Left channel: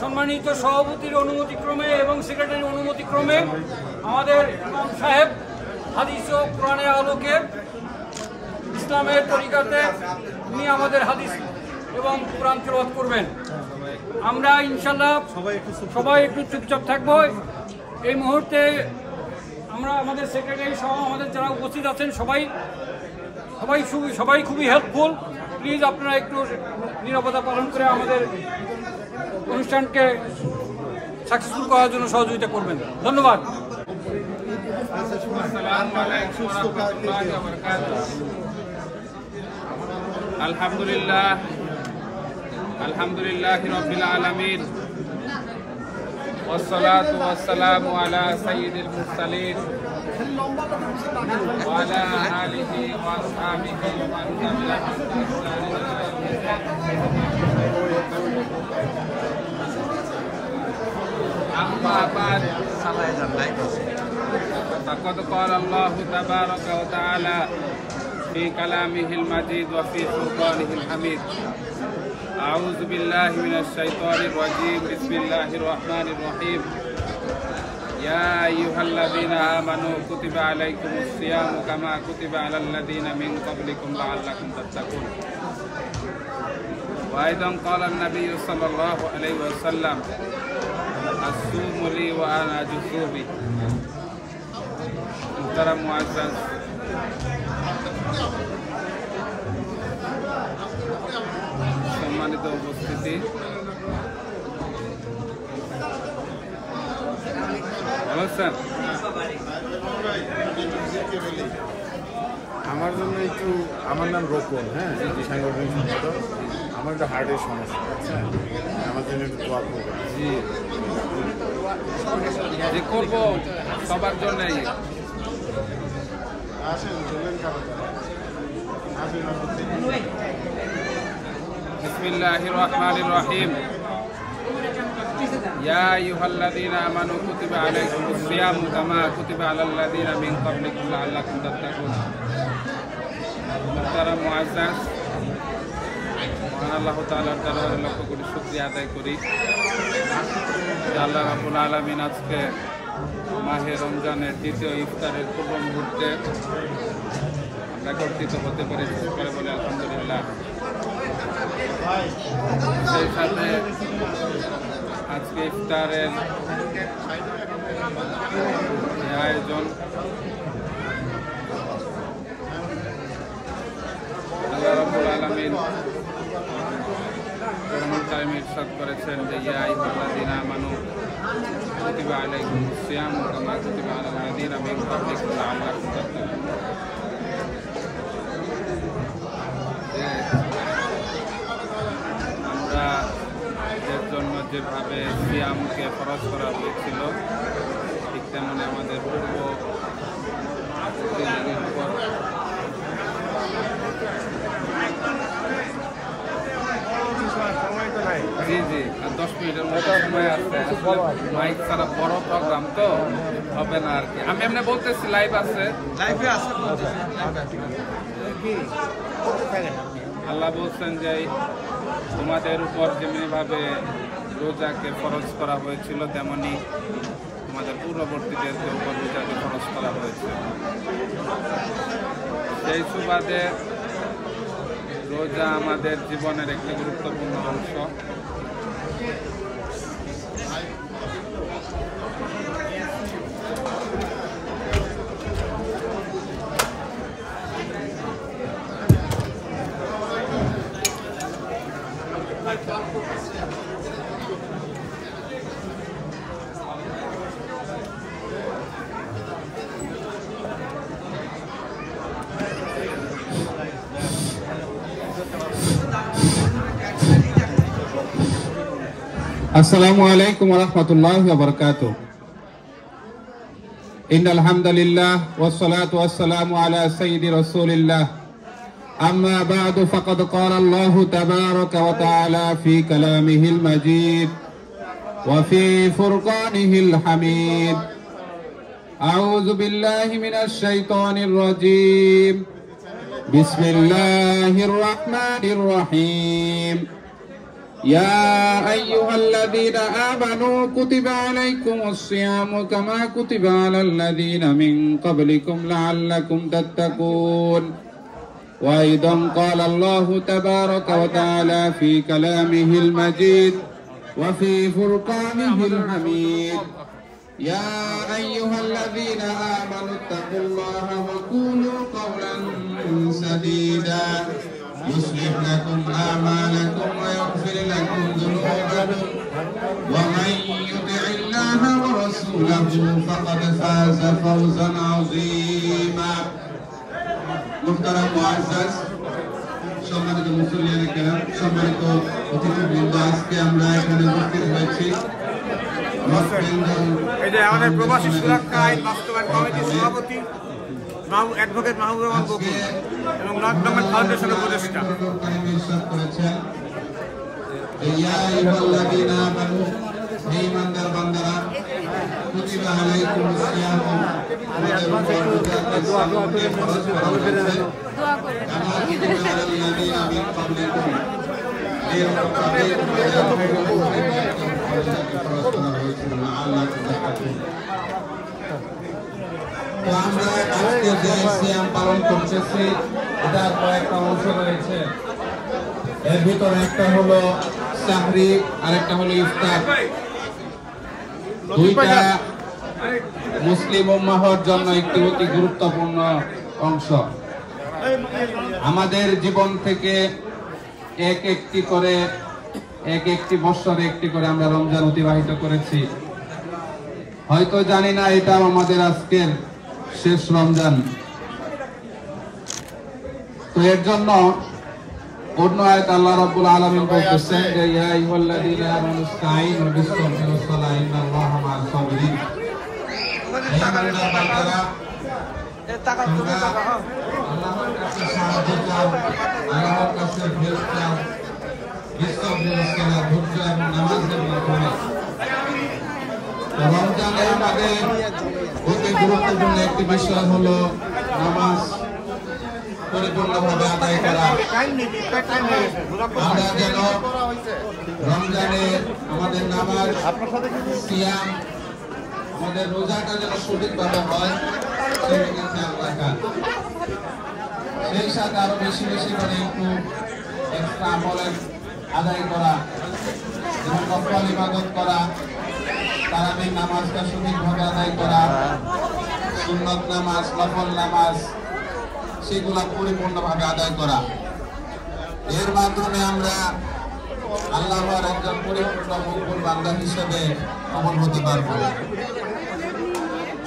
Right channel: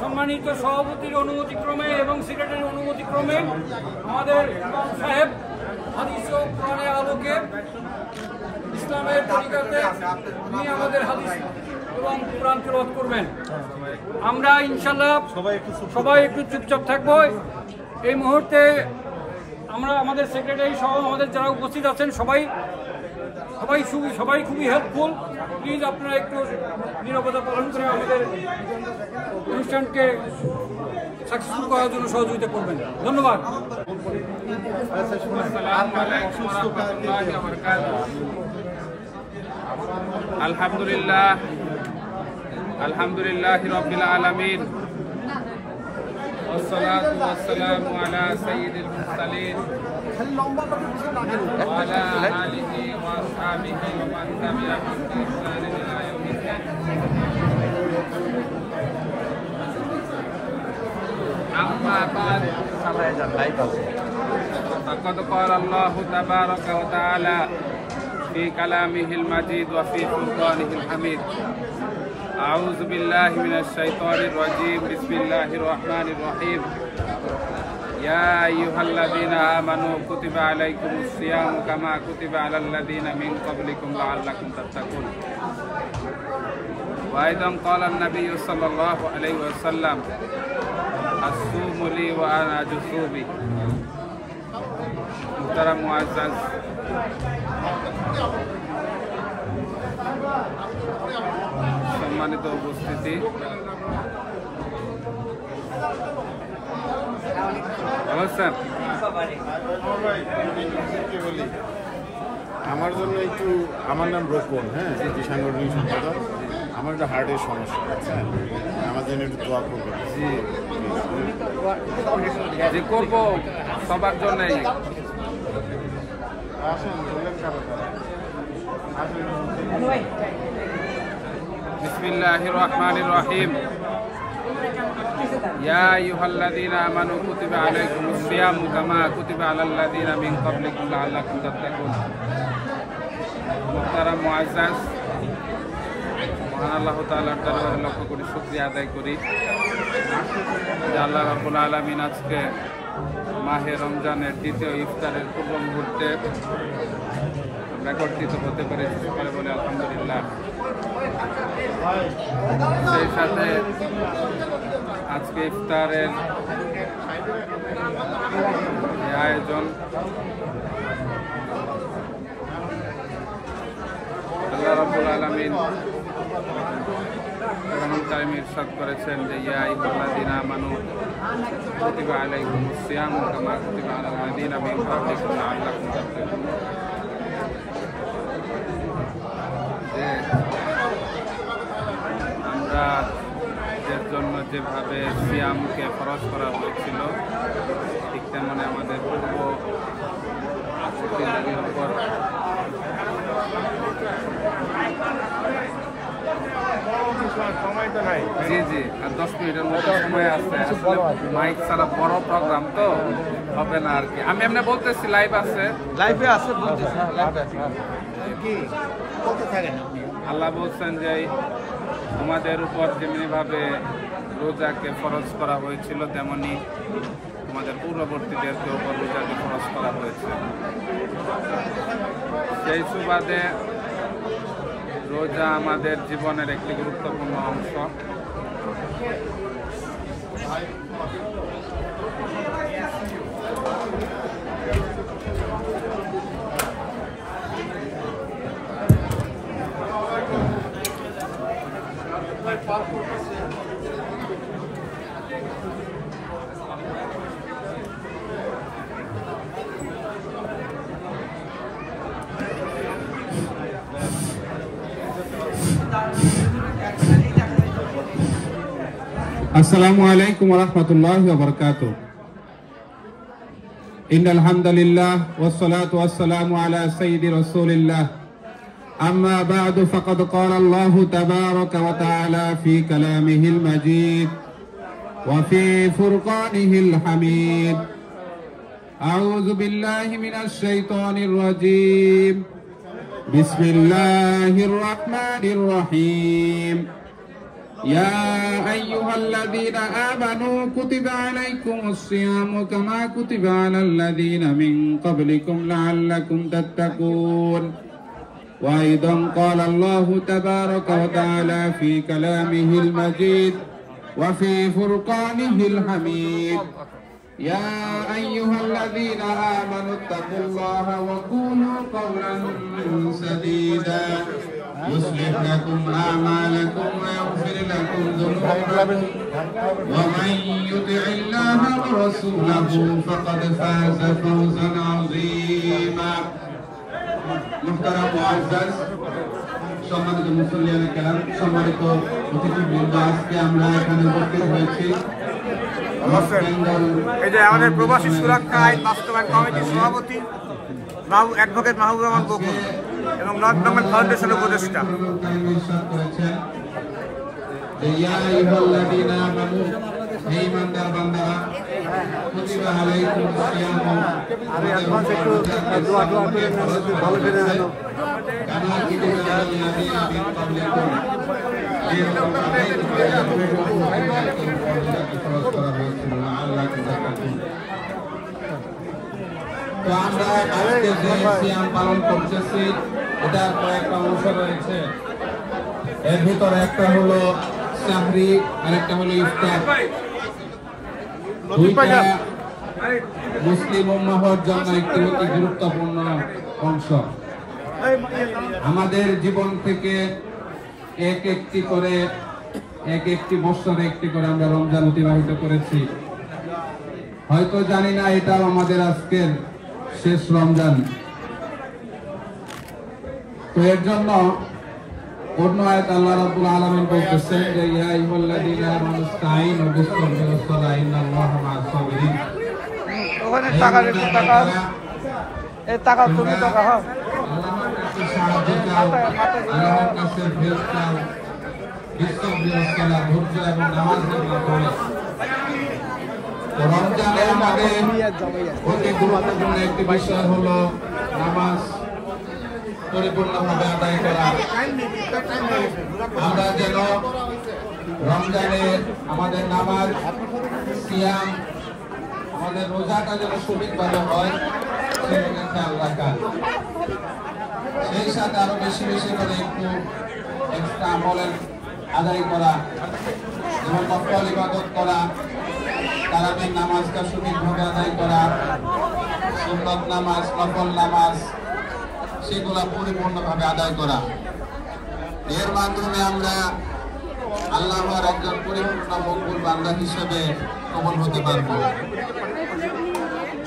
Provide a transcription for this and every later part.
সম্মানিত সভাপতির অনুমতিক্রমে এবং সেক্রেটারির অনুমতিক্রমে আমাদের ইমাম সাহেব হাদিস ও কোরআনের আলোকে ইসলামের তরিকাতে উনি আমাদের হাদিস এবং কোরআন তেলাওয়াত করবেন। আমরা ইনশাআল্লাহ সবাই একটু চুপচাপ থাকবো। এই মুহূর্তে আমরা আমাদের সেক্রেটারি সহ আমাদের যারা উপস্থিত আছেন সবাই খুবই হেল্পফুল। প্লিজ আপনারা একটু নিরাপত্তা পালন করে আমাদের অনুষ্ঠানকে সাকসেসফুল করার জন্য সহযোগিতা করবেন। ধন্যবাদ। আসসালামু আলাইকুম ওয়া রাহমাতুল্লাহি ওয়া বারাকাতুহু। আলহামদুলিল্লাহি রাব্বিল আলামিন ওয়াসসালাতু ওয়াসসালামু আলা সাইয়্যিদিল মুরসালিন فقد قال الله تبارك وتعالى في كلامه المجيد وفي فرقانه الحميد. أعوذ بالله من الشيطان الرجيم. بسم الله الرحمن الرحيم. يا أيها الذين آمنوا كتب عليكم الصيام كما كتب على الذين من قبلكم لعلكم تتقون. وأيضا قال النبي صلى الله عليه وسلم الصوم لي وأنا أجزي به. محترم معزز সম্মানিত উপস্থিতি, ভালো আছেন? আমার জন্য একটু, আমার নাম রোকন, হ্যাঁ, আমার একটা হার্টের সমস্যা আছে, আমার জন্য একটু দোয়া করবেন। জি করবো সবার জন্যই। বিসমিল্লাহির রহমানির রহিম। ইয়া আইয়ুহাল্লাযীনা আমানু কুতিবা আলাইকুমুস সিয়ামু কামা কুতিবা আলাল্লাযীনা মিন ক্বাবলিকুম লাআল্লাকুম তাত্তাকুন। মুহতারাম মুআজ্জাজ, মহান আল্লাহ তাআলার দরবারে লক্ষ কোটি শুকরিয়া আদায় করি যে আল্লাহ রাব্বুল আলামিন আজকে মাহে রমজানের দ্বিতীয় ইফতারের পূর্ব মুহূর্তে আমরা একত্রিত হতে পেরে সকালে বলে আলহামদুলিল্লাহ। সেই সাথে আজকে ইফতারের আয়োজন আল্লাহ রাব্বুল আলামিন কোরআনুল কারীমে ইরশাদ করেছেন যে ইয়া আইয়ুহাল্লাযীনা আমানু কুতিবা আলাইকুমুস সিয়ামু কামা কুতিবা আলাল্লাযীনা মিন ক্বাবলিকুম লাআল্লাকুম তাত্তাকুন। যে আমরা এর জন্য যেভাবে সিয়ামকে ফরজ করা হয়েছিল ঠিক তেমনি আমাদের পূর্ববর্তীদের উপর জি আর 10 মিনিটের মতো সময় আছে। আসলে মাইক ছাড়া বড় প্রোগ্রাম তো হবে না আর কি। আমি এমনি বলতেছি লাইভ আছে, আল্লাহ বলছেন যে তোমাদের উপর যেমনি ভাবে রোজাকে ফরজ করা হয়েছিল তেমনি তোমাদের পূর্ববর্তীদেরকে উপর রোজাকে ফরজ করা হয়েছে। সেই সুবাদে রোজা আমাদের জীবনের একটি গুরুত্বপূর্ণ অংশ। আসসালামু আলাইকুম ওয়া রাহমাতুল্লাহি ওয়া বারাকাতুহু। ইন্নাল হামদালিল্লাহ ওয়াস সালাতু ওয়াস সালামু আলা সাইয়্যিদি রাসূলিল্লাহ। আম্মা বা'দু ফাকাদ ক্বালা আল্লাহু তাবারাকা ওয়া তাআলা ফি কালামিহিল মাজিদ ওয়া ফি ফুরকানিহিল হামিদ। আউযু বিল্লাহি মিনাশ শাইতানির রাজীম। বিসমিল্লাহির রাহমানির রহিম। يا أيها الذين آمنوا كتب عليكم الصيام كما كتب على الذين من قبلكم لعلكم تتقون وأيضا قال الله تبارك وتعالى في كلامه المجيد وفي فرقانه الحميد يا أيها الذين آمنوا اتقوا الله وقولوا قولا سديدا يصلح لكم أعمالكم ويغفر لكم ذنوبكم ومن يطع الله ورسوله فقد فاز فوزا عظيما محترم معزز সম্মানিত মুসল্লিয়ানে কেরাম সম্মানিত অতিথিবৃন্দ আজকে আমরা এখানে উপস্থিত হয়েছি এই যে আমাদের প্রবাসী সুরক্ষা আইন বাস্তবায়ন কমিটির সভাপতি অ্যাডভোকেট মাহবুব রহমান বকুল এবং নর্থ বেঙ্গল ফাউন্ডেশনের উপদেষ্টা আমি অ্যাডভান্স একটু দোয়া করে ভালো করে আনো তো আমরা সিয়াম পালন করতেছি এটা কয়েকটা অংশ রয়েছে এর ভিতরে একটা হলো সাহরি আর একটা হলো ইফতার দুইটা মুসলিম উম্মাহর জন্য একটি অতি গুরুত্বপূর্ণ অংশ আমাদের জীবন থেকে এক একটি বছরে একটি করে আমরা রমজান অতিবাহিত করেছি হয়তো জানি না এটা আমাদের আজকের শেষ রমজান তো এর জন্য অন্য আয়াত আল্লাহ রাব্বুল আলামিন বলতেছেন যে ইয়া আইয়ুহাল্লাযীনা আমানু ইসতাঈনু বিস-সাবরি ওয়াস-সালাহ ইন্নাল্লাহা মা'আস সাবিরিন আল্লাহর কাছে সাহায্য চাও আল্লাহর কাছে হেল্প চাও বিস-সাবরি ওয়াস-সালাহ ধৈর্য এবং নামাজের মাধ্যমে রমজানে আমাদের অতি গুরুত্বপূর্ণ একটি বিষয় হলো নামাজ পরিপূর্ণভাবে আদায় করা আমরা যেন রমজানে আমাদের নামাজ সিয়াম আমাদের রোজাটা যেন সঠিকভাবে হয় সেদিকে খেয়াল রাখা সেই সাথে আরো বেশি বেশি করে একটু এক্সট্রা আমলের আদায় করা এবং নফল ইবাদত করা তারাবির নামাজকে সঠিকভাবে আদায় করা সুন্নত নামাজ নফল নামাজ সেগুলা পরিপূর্ণভাবে আদায় করা এর মাধ্যমে আমরা আল্লাহর একজন পরিপূর্ণ মকবুল বান্দা হিসেবে কবুল হতে পারবো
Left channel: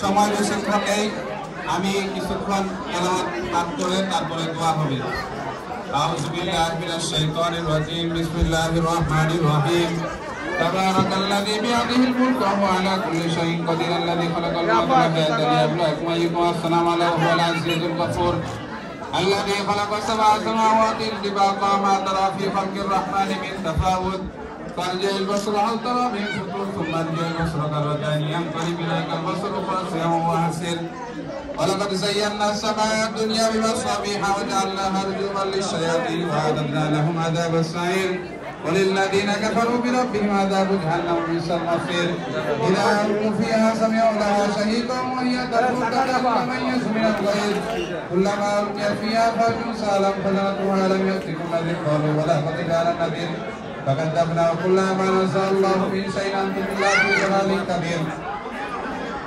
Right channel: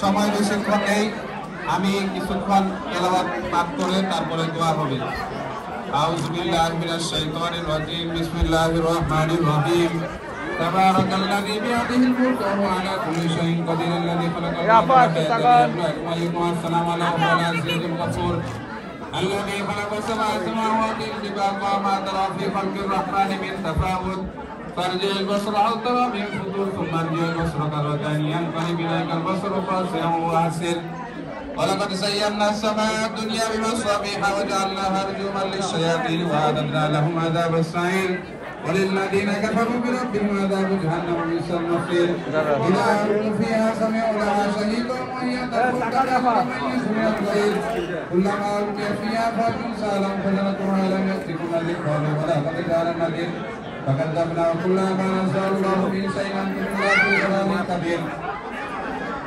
সময় বেশিক্ষণ নেই আমি কিছুক্ষণ তেলাওয়াত পাঠ করে তারপরে দোয়া হবে আউযু বিল্লাহি মিনাশ শাইতানির রাজিম বিসমিল্লাহির রহমানির রহিম تبارك الذي بيده الملك وهو على كل شيء قدير الذي خلق الموت والحياة ليبلوكم أيكم أحسن عملا وهو العزيز الغفور الذي خلق سبع سماوات طباقا ما ترى في خلق الرحمن من تفاوت فارجع البصر هل ترى من فطور ثم ارجع البصر كرتين ينقلب إليك البصر خاسئا وهو حسير ولقد زينا السماء الدنيا بمصابيح وجعلناها رجوما للشياطين وأعتدنا لهم عذاب السعير وللذين كفروا بربهم عذاب جهنم بئس المصير إذا ألقوا فيها سمعوا لها شهيقا وهي تدعو من يسمع الغير كلما ألقي فيها فوج سألا فجرتها لم يأتكم نذير قالوا ولا قد جاءنا نذير فكذبنا كلما نزل الله من شيء أنتم إلا في ضلال كبير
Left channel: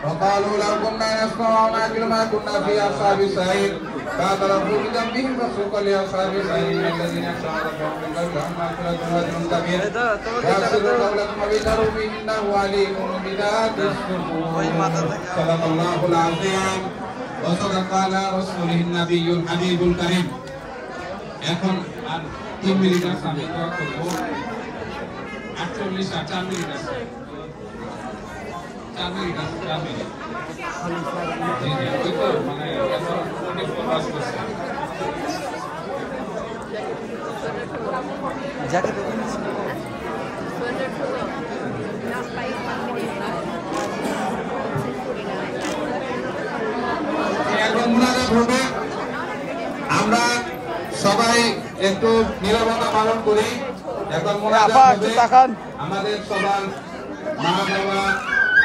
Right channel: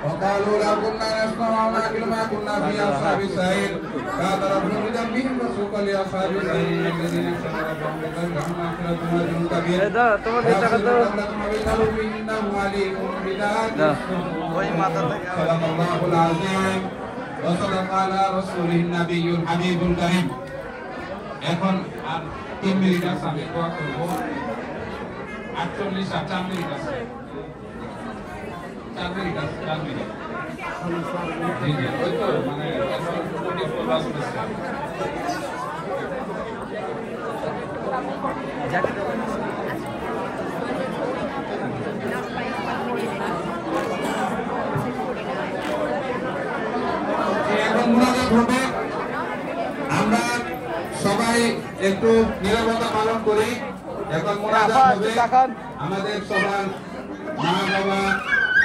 وقالوا لو كنا نسمع ونعقل ما كنا في أصحاب السعير فاعترفوا بذنبهم فسوقا لأصحاب السعير الذين كفروا بربهم مغفرة وأجر كبير وأسروا قولكم بقلوب إنه عليم بذات الصدور صدق الله العظيم وصدق على رسوله النبي الحبيب الكريم এখন 3 মিনিট আছে 4 মিনিট আছে 4 মিনিট আছে 4 মিনিট এখন মুনাজাত হবে আমরা সবাই একটু নীরবতা পালন করি এখন মোনাজাত হবে আমাদের সবার মা বাবা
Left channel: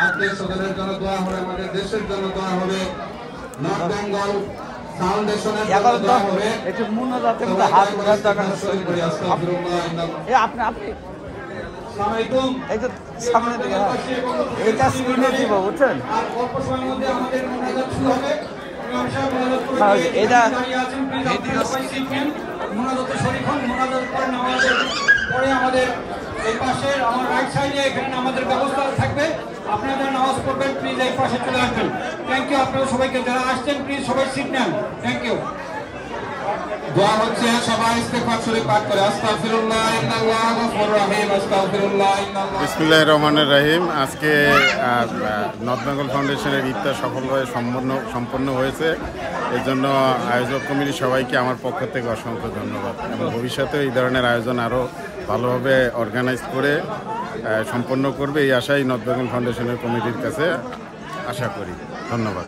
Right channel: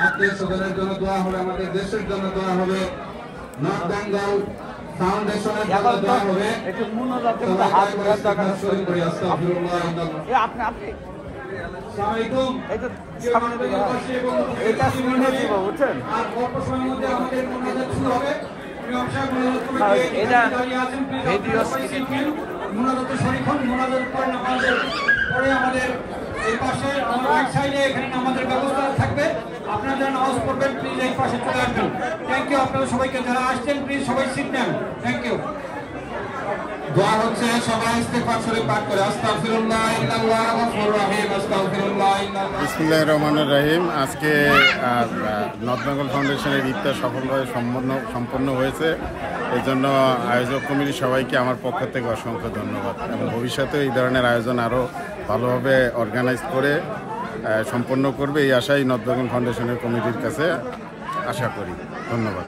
আত্মীয় স্বজনের জন্য দোয়া হবে, আমাদের দেশের জন্য দোয়া হবে, নর্থ বেঙ্গল ফাউন্ডেশনের জন্য দোয়া হবে। সবাই কয়েকবার ইস্তেগফার শরীফ পড়ি আস্তাগফিরুল্লাহ আপনি সালামালাইকুম। আমাদের পাশে এবং আর অল্প সময়ের মধ্যে আমাদের মোনাজাত শুরু হবে। ইমাম সাহেব মোনাজাত করে দিয়ে দাঁড়িয়ে আছেন, মোনাজাতে শরীফ হন। মোনাজাত পরে নামাজের পরে আমাদের এই পাশে আমার রাইট সাইডে এখানে আমাদের ব্যবস্থা থাকবে, আপনারা যারা নামাজ পড়বেন প্লিজ এই পাশে চলে আসবেন। থ্যাংক ইউ আপনারা সবাইকে, যারা আসছেন প্লিজ সবাই সিট নেন। Thank you. দোয়া হচ্ছে সবাই ইস্তেগফার শরীফ পাঠ করে আস্তাগফিরুল্লাহ ইন্নাল্লাহা গফুরুর রহিম আস্তাগফিরুল্লাহ ইন্নাল্লাহ। বিসমিল্লাহির রহমানির রহিম। আজকে নর্থ বেঙ্গল ফাউন্ডেশনের ইফতার সফলভাবে সম্পন্ন হয়েছে। এর জন্য আয়োজক কমিটির সবাইকে আমার পক্ষ থেকে অসংখ্য ধন্যবাদ, এবং ভবিষ্যতে এই ধরনের আয়োজন আরও ভালোভাবে অর্গানাইজ করে সম্পন্ন করবে এই আশাই নর্থ বেঙ্গল ফাউন্ডেশনের কমিটির কাছে আশা করি। ধন্যবাদ।